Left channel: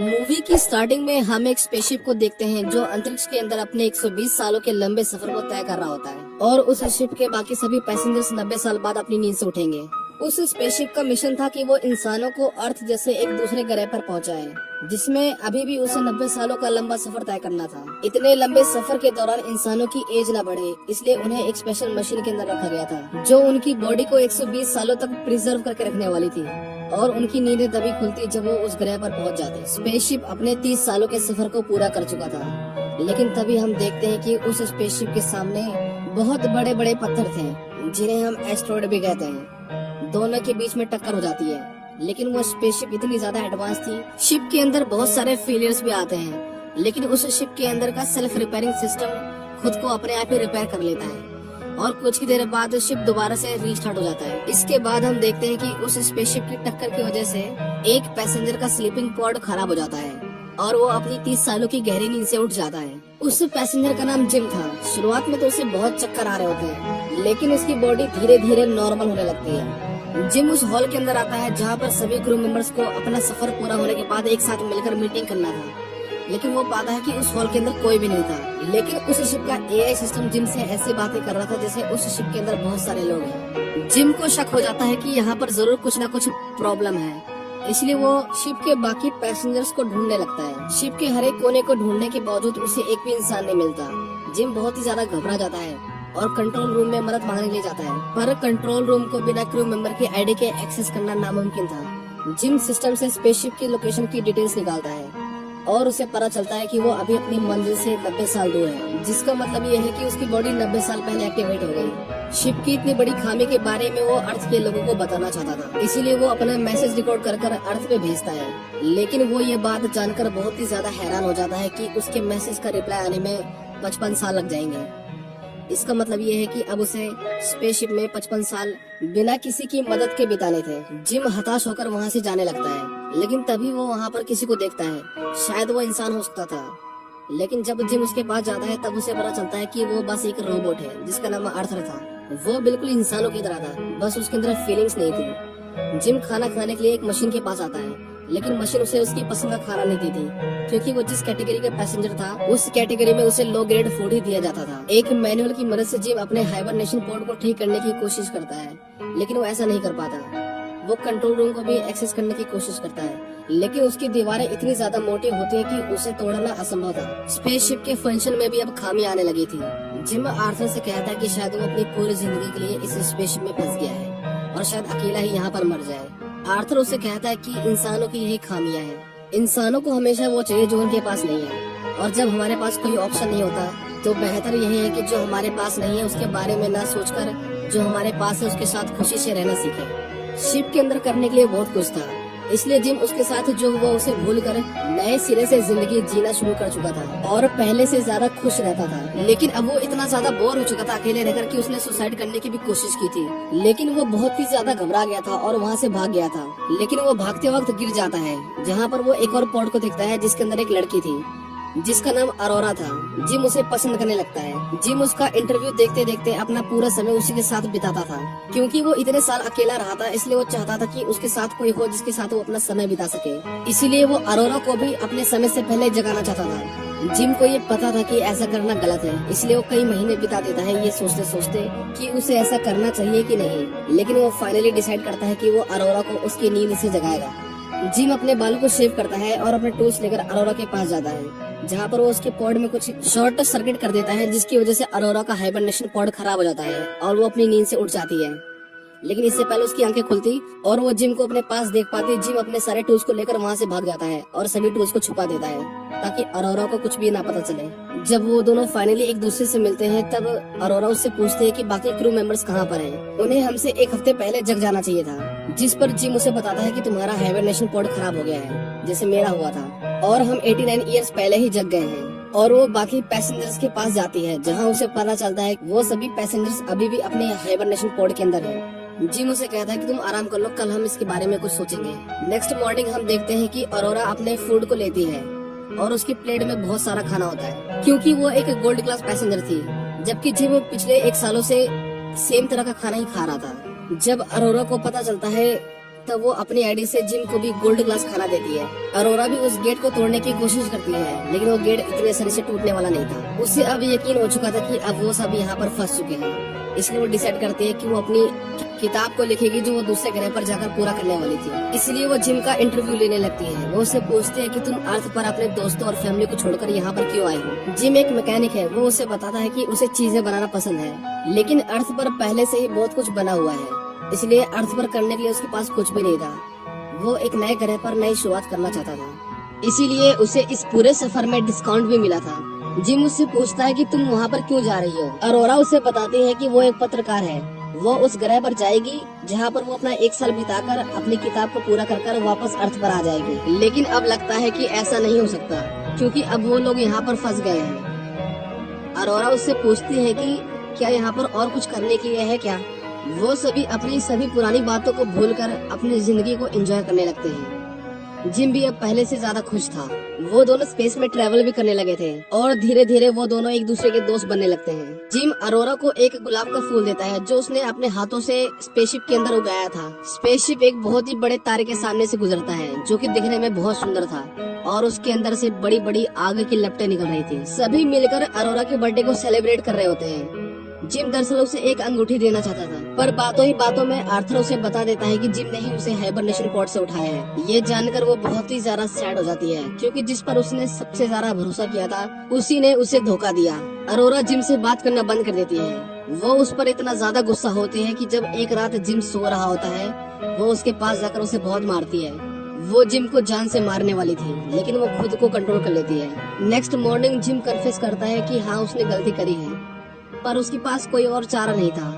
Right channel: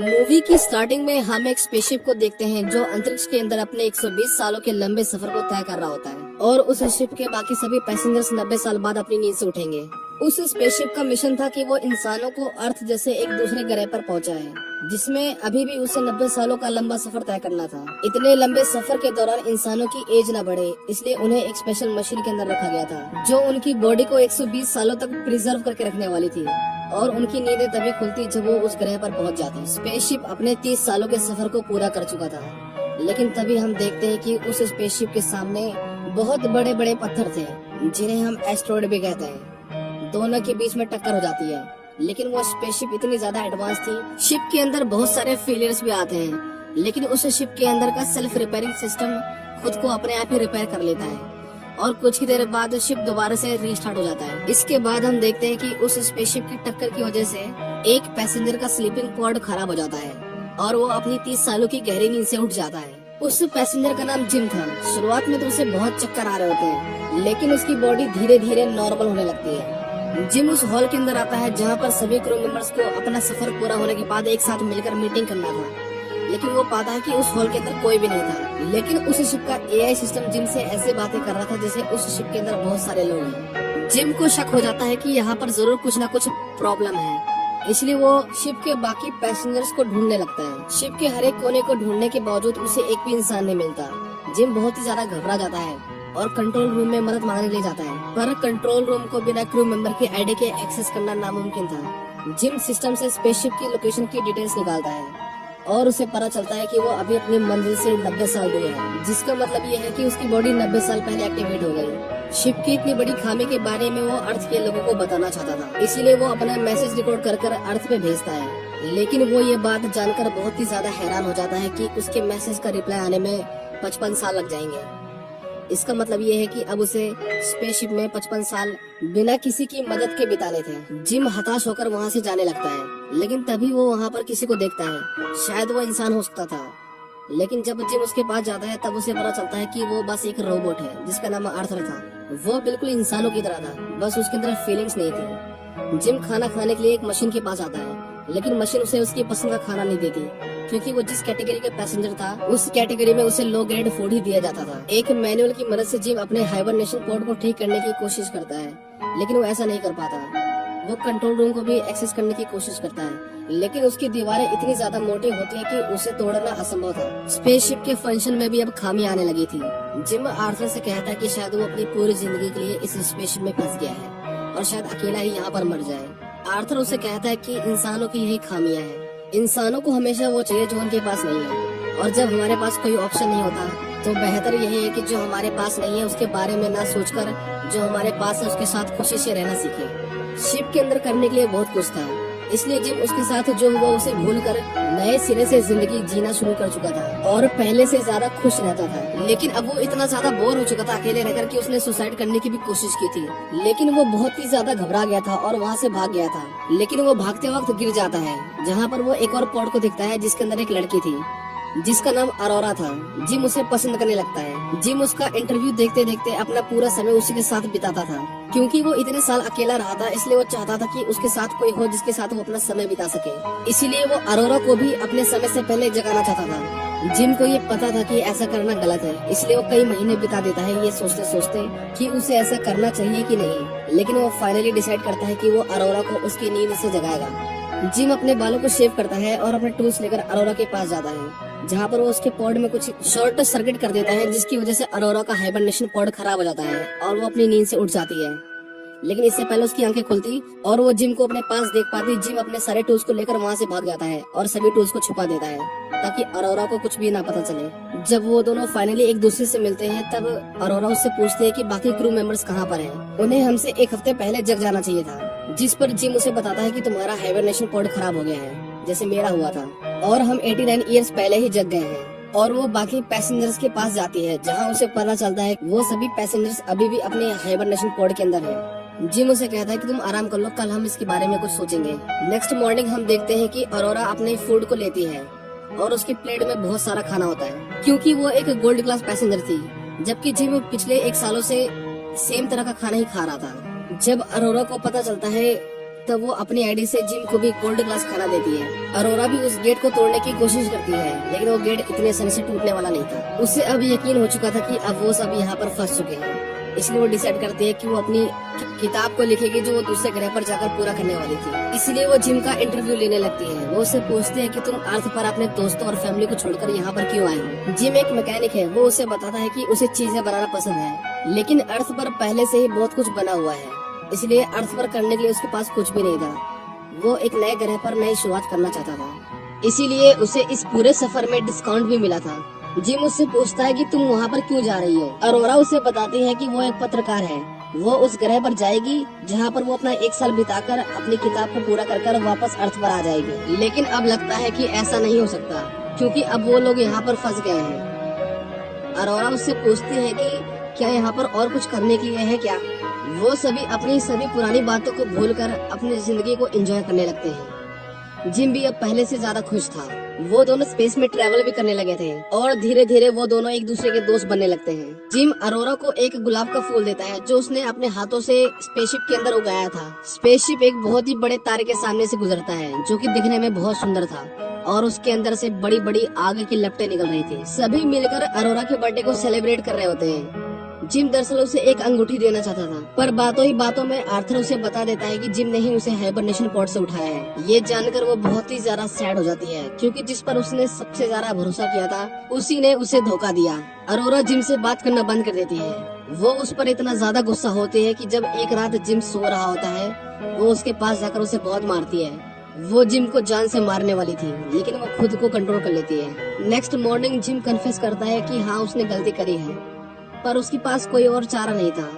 Movie की starting में हम एक स्पेसशिप को देखते हैं जो अंतरिक्ष के अंदर अपने 120 सालों के लंबे सफर को तय कर रहा होता है और उस शिप के बाकी सभी पैसेंजर्स 90 साल बाद अपनी नींद से उठेंगे। उस स्पेसशिप का मिशन था कि वो इंसानों को अर्थ जैसे एक दूसरे ग्रह पर पहुंचाए, जिसमें अभी भी उसे 90 सालों का लंबा सफर तय करना था। इतने लंबे सफर के दौरान इंसानों की एज न बढ़े, इसलिए उन्हें एक स्पेशल मशीन के अंदर रखा गया था जो उनकी बॉडी को 120 सालों तक प्रिजर्व करके रखने वाली थी और उनकी नींदें तभी खुलती जब वो उस ग्रह पर पहुंच जाते। स्पेसशिप अपने 30 सालों के सफर को पूरा कर चुका था, लेकिन तभी हम देखते हैं कि उस स्पेसशिप के सामने बहुत बड़े बड़े पत्थर थे जिन्हें हम एस्ट्रॉइड भी कहते हैं। दोनों के बीच में टक्कर हो जाती है, लेकिन वो स्पेसशिप इतनी ज्यादा एडवांस थी। शिप के अंदर बहुत सारे फेलियर्स भी आते हैं, लेकिन उस शिप के अंदर का सेल्फ रिपेयरिंग सिस्टम खुद को अपने आप ही रिपेयर कर लेता है और कुछ ही देर बाद शिप दोबारा से रीस्टार्ट हो जाता है। इसके बाद हम देखते हैं कि उस स्पेसशिप की टक्कर की वजह से एक पैसेंजर का स्लीपिंग पॉड खराब हो जाता है और वो अपनी 30 सालों की गहरी नींद से उठ जाता है। उस पैसेंजर का नाम जिम था। शुरुआत में तो उसे बहुत चक्कर आ रहे होते हैं, लेकिन उसकी बॉडी धीरे धीरे नॉर्मल होने लगती है। जिम उस हॉल के अंदर आता है जहाँ पर सभी क्रू मेंबर्स को अपना सफर पूरा होने के बाद एक साथ मिलकर मीटिंग करना था, लेकिन वो पाता है कि उस हॉल के अंदर कोई भी नहीं था। लेकिन उस शिप का एआई सिस्टम जिम से ऐसे बातें कर रहा था जैसे उस शिप के अंदर बहुत सारे लोग हैं। जिम को शक हो जाता है कि यहाँ पर जरूर कुछ ना कुछ प्रॉब्लम है, इसलिए वो शिप के बाकी पैसेंजर्स को ढूंढने लगता है। शिप के हर एक कोने को ढूंढने के बावजूद उसे एक भी इंसान नहीं मिलता। जिम बहुत ही ज्यादा घबरा जाता है और कंट्रोल रूम में मदद मांगने ले जाता है, पर कंट्रोल रूम को बिना क्रू मेंबर की आईडी के एक्सेस करना नामुमकिन था। जिम सिस्टम से स्पेसशिप की लोकेशन की डिटेल्स निकालता है और उसे पता चलता है कि वो अभी अपनी मंजिल से 90 साल दूर है, जिसका मतलब ये है कि उसकी बॉडी 90 साल पहले एक्टिवेट हो गई। शिप की इतनी बड़ी खामी के बारे में वो अर्थ के लोगों को बताना चाहता था, इसीलिए वो अपना मैसेज रिकॉर्ड कर अर्थ पे भेजता है। लेकिन वो ये बात जानकर बहुत ही ज्यादा हैरान हो जाता है कि उसके मैसेज का रिप्लाई आने में 55 साल लग जाएंगे। इसका मतलब ये है कि अब उसे स्पेसशिप में 55 साल बिना किसी की मदद के बिताने थे। जिम हताश होकर वहाँ से जाने लगता है, लेकिन तभी वो वहाँ पर किसी को देखता है। शायद वो इंसान हो सकता था, लेकिन जब जिम उसके पास जाता है तब उसे पता चलता है कि वो बस एक रोबोट है जिसका नाम आर्थर था। वो बिल्कुल इंसानों की तरह था, बस उसके अंदर फीलिंग्स नहीं थी। जिम खाना खाने के लिए एक मशीन के पास आता है, लेकिन मशीन उसे उसकी पसंद का खाना नहीं देती, क्योंकि वो जिस कैटेगरी का पैसेंजर था उस कैटेगरी में उसे लो ग्रेड फूड ही दिया जाता था। एक मैनुअल की मदद से जिम अपने हाइबरनेशन पॉड को ठीक करने की कोशिश करता है, लेकिन वो ऐसा नहीं कर पाता। वो कंट्रोल रूम को भी एक्सेस करने की कोशिश करता है, लेकिन उसकी दीवारें इतनी ज्यादा मोटी होती है कि उसे तोड़ना असंभव था। स्पेसशिप के फंक्शन में भी अब खामी आने लगी थी। जिम आर्थर से कहता है कि शायद वो अपनी पूरी जिंदगी के लिए इस स्पेसशिप में फंस गया है और शायद अकेला ही यहाँ पर मर जाए। आर्थर उसे कहता है कि इंसानों की यही खामियां हैं। इंसानों को हमेशा वो चाहिए जो उनके पास नहीं है, और जब हमारे पास कोई ऑप्शन नहीं होता तो बेहतर यही है कि जो हमारे पास नहीं है उसके बारे में ना सोचकर जो हमारे पास है उसके साथ खुशी से रहना सीखे। शिप के अंदर करने के लिए बहुत कुछ था, इसलिए जिम उसके साथ जो हुआ उसे भूलकर नए सिरे से जिंदगी जीना शुरू कर चुका था और पहले से ज्यादा खुश रहता था। लेकिन अब वो इतना ज्यादा बोर हो चुका था अकेले रहकर कि उसने सुसाइड करने की भी कोशिश की थी, लेकिन वो बहुत ही ज्यादा घबरा गया था और वहाँ से भाग गया था। लेकिन वो भागते वक्त गिर जाता है, जहाँ पर वो एक और पॉड को दिखता है जिसके अंदर एक लड़की थी जिसका नाम अरोरा था। जिम उसे पसंद करने लगता है। जिम उसका इंटरव्यू देखते देखते अपना पूरा समय उसी के साथ बिताता था, क्योंकि वो इतने साल अकेला रहा था, इसलिए वो चाहता था कि उसके साथ कोई हो जिसके साथ वो अपना समय बिता सके। इसीलिए वो अरोरा को भी अपने समय से पहले जगाना चाहता था। जिम को ये पता था कि ऐसा करना गलत है, इसलिए वो कई महीने बिता देता है ये सोचते सोचते कि उसे ऐसा करना चाहिए कि नहीं। लेकिन वो फाइनली डिसाइड करता है कि वो अरोरा को उसकी नींद से जगाएगा। जिम अपने बालों को शेव करता है और अपने टूल्स लेकर अरोरा के पास जाता है, जहाँ पर वो उसके पॉड में कुछ शॉर्ट सर्किट कर देता है, जिसकी वजह से अरोरा का हाइबरनेशन पॉड खराब हो जाता है और वो अपनी नींद से उठ जाती है। लेकिन इससे पहले उसकी आंखें खुलती और वो जिम को अपने पास देख पाती। जिम अपने सारे टूल्स को लेकर वहाँ से भाग जाता है और सभी टूल्स को छुपा देता है ताकि अरोरा को कुछ भी ना पता चले। जब वो दोनों फाइनली एक दूसरे से मिलते हैं तब अरोरा उससे पूछते हैं कि बाकी क्रू मेंबर्स कहाँ पर हैं। उन्हें हमसे एक हफ्ते पहले जग जाना चाहिए था, जिस पर जिम उसे बताता है कि तुम्हारा हाइबरनेशन पॉड खराब हो गया है जैसे मेरा हुआ था, और हम 89 ईयर्स पहले ही जग गए हैं। और वो बाकी पैसेंजर्स के पास जाती है, जहाँ उसे पता चलता है वो सभी पैसेंजर्स अभी भी अपने हाइबरनेशन पॉड के अंदर हैं। जिम उसे कहता है कि तुम आराम कर लो, कल हम इसके बारे में कुछ सोचेंगे। नेक्स्ट मॉर्निंग हम देखते हैं कि अरोरा अपने फूड को लेती है और उसकी प्लेट में बहुत सारा खाना होता है, क्योंकि वो एक गोल्ड क्लास पैसेंजर थी, जबकि जिम पिछले 1 सालों से सेम तरह का खाना ही खा रहा था। जब अरोरा को पता चलता है तब वो अपनी आईडी से जिम को भी गोल्ड क्लास खाना देती है। अरोरा भी उस गेट को तोड़ने की कोशिश करती है, लेकिन वो गेट इतने सर से टूटने वाला नहीं था। उसे अब यकीन हो चुका था कि अब वो सब यहाँ पर फंस चुके हैं, इसलिए वो डिसाइड करती है कि वो अपनी किताब को लिखेगी जो वो दूसरे ग्रह पर जाकर पूरा करने वाली थी। इसलिए वो जिम का इंटरव्यू लेने लगती है। वो उसे पूछती है कि तुम अर्थ पर अपने दोस्तों और फैमिली को छोड़कर यहाँ पर क्यों आई हो। जिम एक मैकेनिक है। वो उसे बताता है कि उसे चीजें बनाना पसंद है, लेकिन अर्थ पर पहले से ही बहुत कुछ बना हुआ है, इसलिए अर्थ पर करने के लिए उसके पास कुछ भी नहीं था। वो एक नए ग्रह पर नई शुरुआत करना चाहता था, इसीलिए उसे इस पूरे सफर में डिस्काउंट भी मिला था। जिम उससे पूछता है कि तुम वहाँ पर क्यों जा रही हो। अरोरा उसे बताती है कि वो एक पत्रकार है। वो उस ग्रह पर जाएगी जहाँ पर वो अपना 1 साल बिताकर अपनी किताब को पूरा कर वापस अर्थ पर आ जाएगी। लेकिन अब लगता है कि ऐसा नहीं हो सकता, क्योंकि अब वो लोग यहाँ पर फंस गए हैं। अरोरा उससे पूछती है कि क्या यहाँ पर और कुछ करने के लिए है क्या। वो सभी अपनी सभी पुरानी बातों को भूलकर अपनी जिंदगी को एंजॉय करने लगते हैं। जिम भी अब पहले से ज्यादा खुश था। वो दोनों स्पेस में ट्रैवल भी करने लगे थे और धीरे धीरे वो दोनों एक दूसरे के दोस्त बनने लगते हैं। जिम अरोरा को एक गुलाब का फूल देता है जो उसने अपने हाथों से स्पेसशिप के अंदर उगाया था। स्पेसशिप एक बहुत ही बड़े तारे के सामने से गुजरता है जो कि दिखने में बहुत सुंदर था और उसके अंदर से बड़ी बड़ी आग की लपटें निकल रही थी। सभी मिलकर अरोरा के बर्थडे को सेलिब्रेट कर रहे होते हैं। जिम दरअसल उसे एक अंगूठी देना चाहता था, पर बातों ही बातों में आर्थर उसे बता देता है कि जिम ने ही उसे हाइबरनेशन पॉड से उठाया है। ये जानकर वो बहुत ही ज्यादा सैड हो जाती है, क्योंकि जिस पर उसने सबसे ज्यादा भरोसा किया था उसी ने उसे धोखा दिया। अरोरा जिम से बात करना बंद कर देती है। वो उस पर इतना ज्यादा गुस्सा होती है कि जब एक रात जिम सो रहा होता है वो उसके पास जाकर उसे बहुत मारती है। वो जिम को जान से मारने वाली थी, लेकिन वो खुद को कंट्रोल कर लेती है। नेक्स्ट मॉर्निंग जिम कन्फेस करता है कि हाँ उसने गलती करी है, पर उसके पास कोई और चारा नहीं था।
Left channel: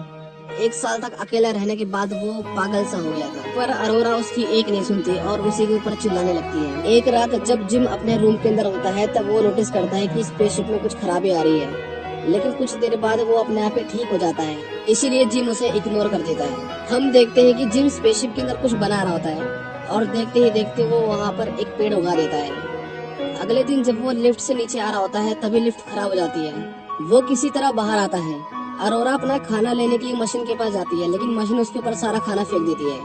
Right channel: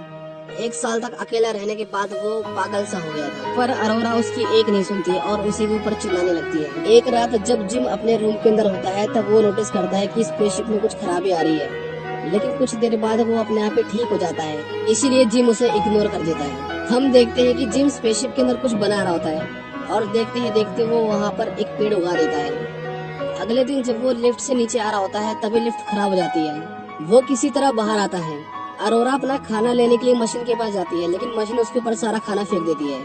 1 साल तक अकेला रहने के बाद वो पागल सा हो गया था, पर अरोरा उसकी एक नहीं सुनती और उसी के ऊपर चिल्लाने लगती है। एक रात जब जिम अपने रूम के अंदर होता है तब वो नोटिस करता है कि स्पेसशिप में कुछ खराबी आ रही है, लेकिन कुछ देर बाद वो अपने आप ही ठीक हो जाता है, इसीलिए जिम उसे इग्नोर कर देता है। हम देखते हैं कि जिम स्पेसशिप के अंदर कुछ बना रहा होता है और देखते ही देखते वो वहाँ पर एक पेड़ उगा देता है। अगले दिन जब वो लिफ्ट से नीचे आ रहा होता है तभी लिफ्ट खराब हो जाती है। वो किसी तरह बाहर आता है। अरोरा अपना खाना लेने के लिए मशीन के पास जाती है, लेकिन मशीन उसके ऊपर सारा खाना फेंक देती है।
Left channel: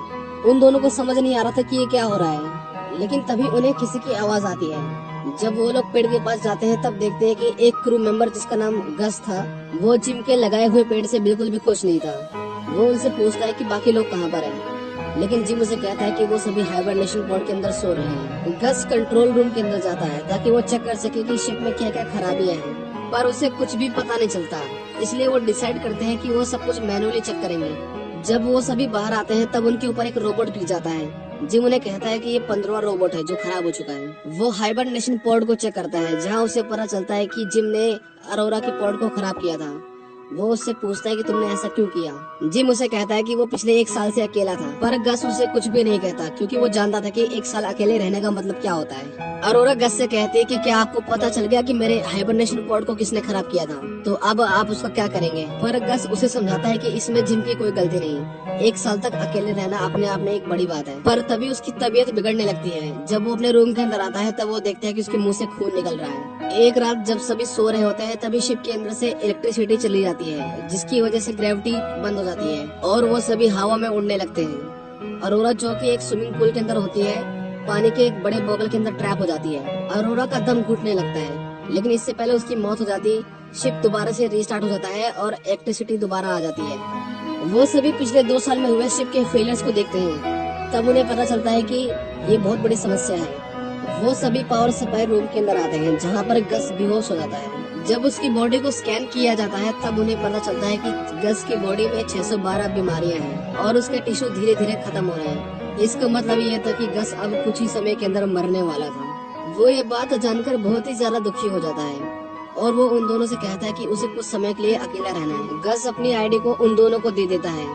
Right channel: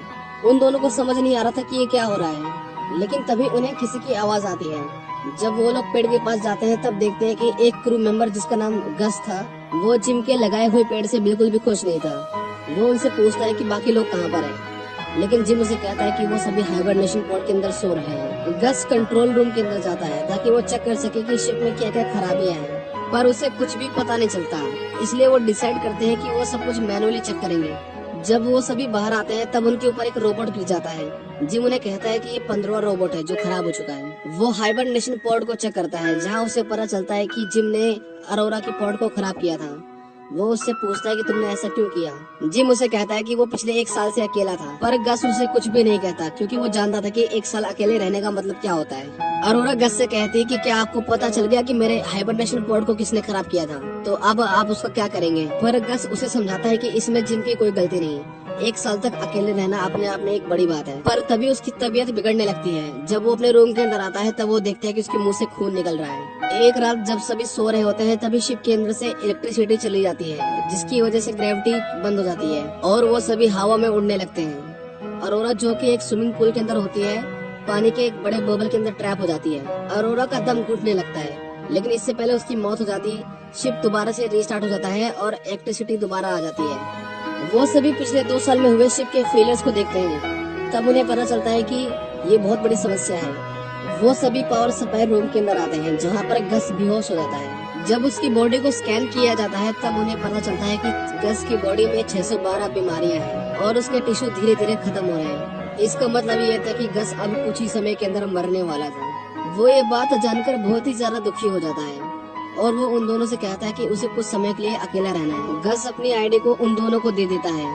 उन दोनों को समझ नहीं आ रहा था कि ये क्या हो रहा है, लेकिन तभी उन्हें किसी की आवाज आती है। जब वो लोग पेड़ के पास जाते हैं तब देखते हैं कि एक क्रू मेंबर जिसका नाम गस था वो जिम के लगाए हुए पेड़ से बिल्कुल भी खुश नहीं था। वो उनसे पूछता है कि बाकी लोग कहाँ पर हैं, लेकिन जिम उसे कहता है कि वो सभी हाइबरनेशन पॉड के अंदर सो रहे हैं। गस कंट्रोल रूम के अंदर जाता है ताकि वो चेक कर सके कि शिप में क्या क्या खराबियां हैं, पर उसे कुछ भी पता नहीं चलता, इसलिए वो डिसाइड करते हैं कि वो सब कुछ मैनुअली चेक करेंगे। जब वो सभी बाहर आते हैं तब उनके ऊपर एक रोबोट गिर जाता है। जिम उन्हें कहता है कि ये 15वां रोबोट है जो खराब हो चुका है। वो हाइबरनेशन पॉड को चेक करता है, जहाँ उसे पता चलता है कि जिम ने अरोरा के पॉड को खराब किया था। वो उससे पूछता है कि तुमने ऐसा क्यों किया। जिम उसे कहता है कि वो पिछले 1 साल से अकेला था, पर गस उसे कुछ भी नहीं कहता, क्योंकि वो जानता था कि 1 साल अकेले रहने का मतलब क्या होता है। अरोरा गस से कहती है कि क्या आपको पता चल गया कि मेरे हाइबरनेशन पॉड को किसने खराब किया था, तो अब आप उसका क्या करेंगे। पर गस उसे समझाता है कि इसमें जिम की कोई गलती नहीं है। 1 साल तक अकेले रहना अपने आप में एक बड़ी बात है। पर तभी उसकी तबीयत बिगड़ने लगती है। जब वो अपने रूम के अंदर आता है तब वो देखते हैं कि उसके मुंह से खून निकल रहा है। एक रात जब सभी सो रहे होते हैं तभी शिप के अंदर से इलेक्ट्रिसिटी चली जाती है, जिसकी वजह से ग्रेविटी बंद हो जाती है और वो सभी हवा में उड़ने लगते हैं। अरोरा जो कि एक स्विमिंग पूल के अंदर होती है, पानी के एक बड़े बबल के अंदर ट्रैप हो जाती है। अरोरा का दम घुटने लगता है, लेकिन इससे पहले उसकी मौत हो जाती। शिप दोबारा से रीस्टार्ट हो जाता है और इलेक्ट्रिसिटी दोबारा आ जाती है। वो सभी पिछले 2 साल में हुए शिप के फेलियर्स को देखते हैं। तब उन्हें पता चलता है कि ये बहुत बड़ी समस्या है। वो सभी पावर सप्लाई रूम के अंदर आते हैं, जहाँ पर गस बेहोश हो जाता है। जब उसकी बॉडी को स्कैन किया जाता है तब उन्हें पता चलता है कि गस की बॉडी में 612 बीमारियां हैं और उसके टिश्यू धीरे धीरे खत्म हो रहे हैं। इसका मतलब ये था कि गस अब कुछ ही समय के अंदर मरने वाला था। वो ये बात जानकर बहुत ही ज्यादा दुखी हो जाता है और वो उन दोनों से कहता है कि उसे कुछ समय के लिए अकेला रहना है। गस अपनी आईडी को उन दोनों को दे देता है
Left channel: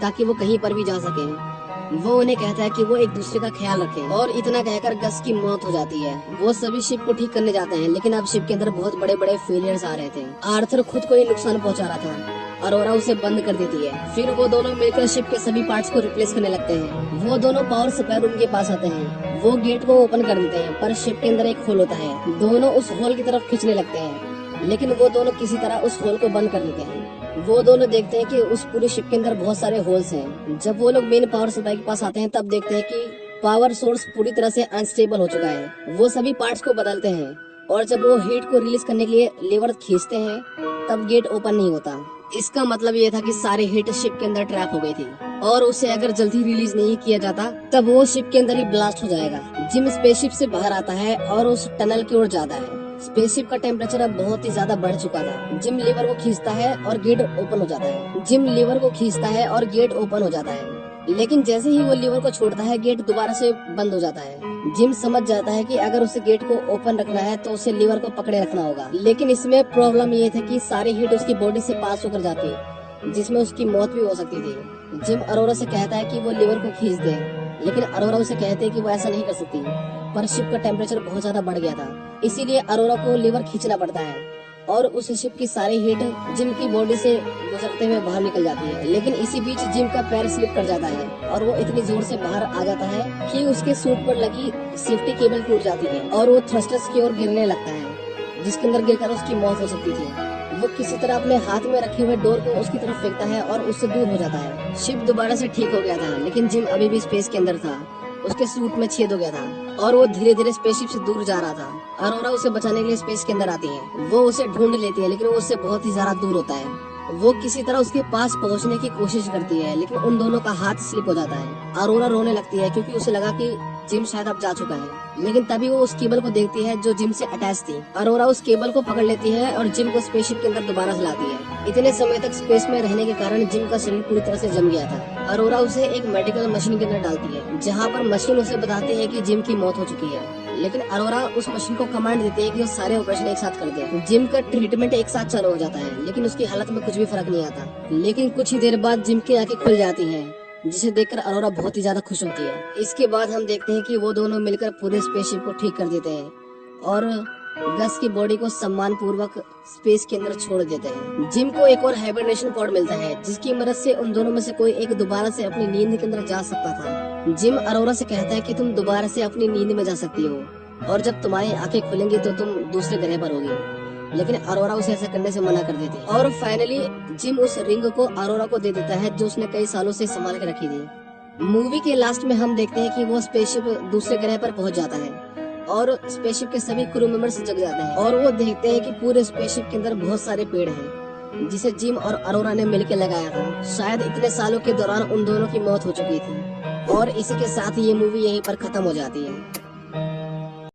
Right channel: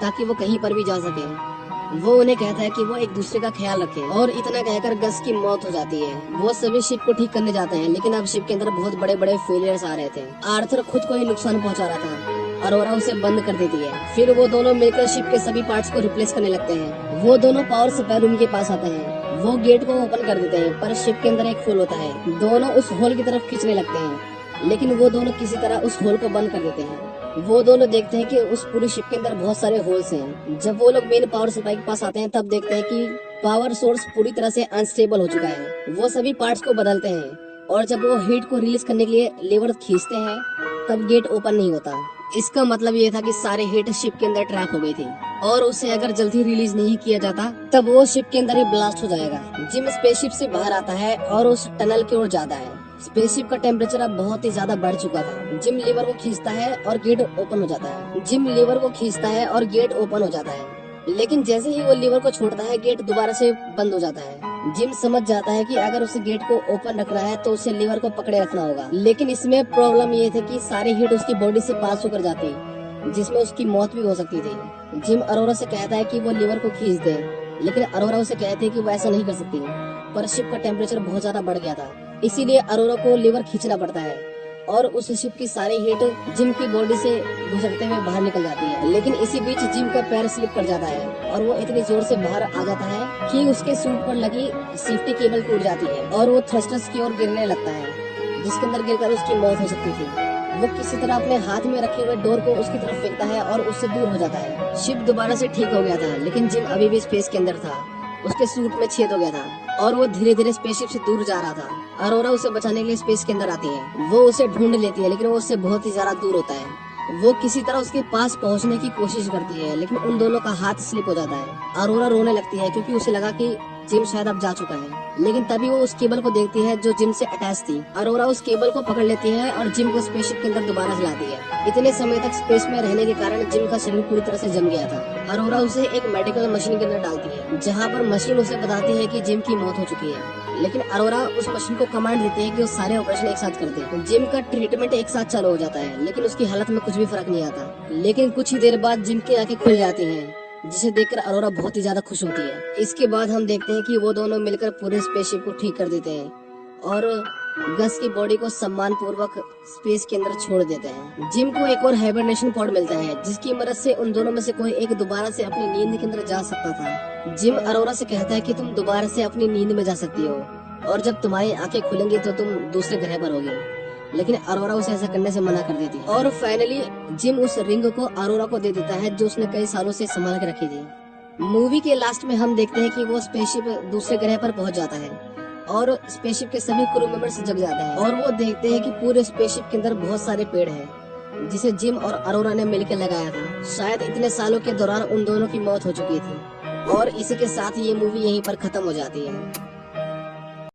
ताकि वो कहीं पर भी जा सके। वो उन्हें कहता है कि वो एक दूसरे का ख्याल रखें और इतना कहकर गस की मौत हो जाती है। वो सभी शिप को ठीक करने जाते हैं, लेकिन अब शिप के अंदर बहुत बड़े बड़े फेलियर्स आ रहे थे। आर्थर खुद को ही नुकसान पहुंचा रहा था। अरोरा उसे बंद कर देती है। फिर वो दोनों मिलकर शिप के सभी पार्ट्स को रिप्लेस करने लगते हैं। वो दोनों पावर सप्लाई रूम के पास आते हैं। वो गेट को ओपन कर देते हैं, पर शिप के अंदर एक होल होता है। दोनों उस होल की तरफ खींचने लगते हैं, लेकिन वो दोनों किसी तरह उस होल को बंद कर देते हैं। वो दोनों देखते हैं कि उस पूरे शिप के अंदर बहुत सारे होल्स हैं। जब वो लोग मेन पावर सप्लाई के पास आते हैं तब देखते हैं कि पावर सोर्स पूरी तरह से अनस्टेबल हो चुका है। वो सभी पार्ट्स को बदलते हैं और जब वो हीट को रिलीज करने के लिए लीवर खींचते हैं तब गेट ओपन नहीं होता। इसका मतलब ये था कि सारे हीट शिप के अंदर ट्रैप हो गई थी और उसे अगर जल्दी रिलीज नहीं किया जाता तब वो शिप के अंदर ही ब्लास्ट हो जाएगा। जिम स्पेसशिप से बाहर आता है और उस टनल की ओर जाता है। स्पेसशिप का टेम्परेचर अब बहुत ही ज्यादा बढ़ चुका था। जिम लीवर को खींचता है और गेट ओपन हो जाता है। जिम लीवर को खींचता है और गेट ओपन हो जाता है, लेकिन जैसे ही वो लीवर को छोड़ता है गेट दोबारा से बंद हो जाता है। जिम समझ जाता है कि अगर उसे गेट को ओपन रखना है तो उसे लीवर को पकड़े रखना होगा, लेकिन इसमें प्रॉब्लम ये थी कि सारी हीट उसकी बॉडी से पास होकर जाती जिसमें उसकी मौत भी हो सकती थी। जिम अरोरा से कहता है कि वो लीवर को खींच दे, लेकिन अरोरा उसे कहते हैं कि वो ऐसा नहीं कर सकती, पर शिप का टेम्परेचर बहुत ज्यादा बढ़ गया था, इसीलिए अरोरा को लीवर खींचना पड़ता है और उस शिप की सारी हीट जिम की बॉडी से गुजरते हुए बाहर निकल जाती है। लेकिन इसी बीच जिम का पैर स्लिप कर जाता है और वो इतनी जोर से बाहर आ जाता है कि उसके सूट पर लगी सेफ्टी केबल टूट जाती है और वो थ्रस्टर्स की ओर गिरने लगता है, जिसके अंदर गिरकर उसकी मौत हो सकती थी। वो किसी तरह अपने हाथ में रखे हुए डोर को उसकी तरफ फेंकता है और उससे दूर हो जाता है। शिप दोबारा से ठीक हो गया था, लेकिन जिम अभी भी स्पेस के अंदर था। उसके सूट में छेद हो गया था और वो धीरे धीरे स्पेसशिप से दूर जा रहा था। अरोरा उसे बचाने के लिए स्पेस के अंदर आती है। वो उसे ढूंढ लेती है, लेकिन वो उससे बहुत ही ज्यादा दूर होता है। वो किसी तरह उसके पास पहुंचने की कोशिश करती है, लेकिन उन दोनों का हाथ स्लिप हो जाता है। अरोरा रोने लगती है क्योंकि उसे लगा कि जिम शायद अब जा चुका है, लेकिन तभी वो उस केबल को देखती है जो जिम से अटैच थी। अरोरा उस केबल को पकड़ लेती है और जिम को स्पेसशिप के अंदर दोबारा चलाती है। इतने समय तक स्पेस में रहने के कारण जिम का शरीर पूरी तरह से जम गया था। अरोरा उसे एक मेडिकल मशीन के अंदर डालती है, जहाँ पर मशीन उसे बताती है कि जिम की मौत हो चुकी है, लेकिन अरोरा उस मशीन को कमांड देती है कि सारे ऑपरेशन एक साथ कर दे। जिम का ट्रीटमेंट एक साथ चालू हो जाता है, लेकिन उसकी हालत में कुछ भी फर्क नहीं आता। लेकिन कुछ ही देर बाद जिम की आंखें खुल जाती हैं, जिसे देखकर अरोरा बहुत ही ज्यादा खुश होती है। इसके बाद हम देखते हैं कि वो दोनों मिलकर पूरे स्पेसशिप को ठीक कर देते हैं और गस की बॉडी को सम्मान पूर्वक स्पेस के अंदर छोड़ देते हैं। जिम को एक और हाइबरनेशन पॉड मिलता है, जिसकी मदद से उन दोनों में से कोई एक दोबारा से अपनी नींद के अंदर जा सकता था। जिम अरोरा से कहता है कि तुम दोबारा से अपनी नींद में जा सकती हो और जब तुम्हारी आंखें खुलेंगी तो तुम दूसरे ग्रह पर होगी, लेकिन अरोरा उसे ऐसा करने से मना कर देती है। और फाइनली जिम उस रिंग को अरोरा को दे देता है जो उसने कई सालों से संभाल के रखी थी। मूवी के लास्ट में हम देखते हैं कि वो स्पेसशिप दूसरे ग्रह पर पहुंच जाता है और स्पेसशिप के सभी क्रू मेंबर्स जग जाते हैं और वो देखते हैं कि पूरे स्पेसशिप के अंदर बहुत सारे पेड़ हैं, जिसे जिम और अरोरा ने मिलकर लगाया था। शायद इतने सालों के दौरान उन दोनों की मौत हो चुकी थी और इसी के साथ ये मूवी यहीं पर खत्म हो जाती है।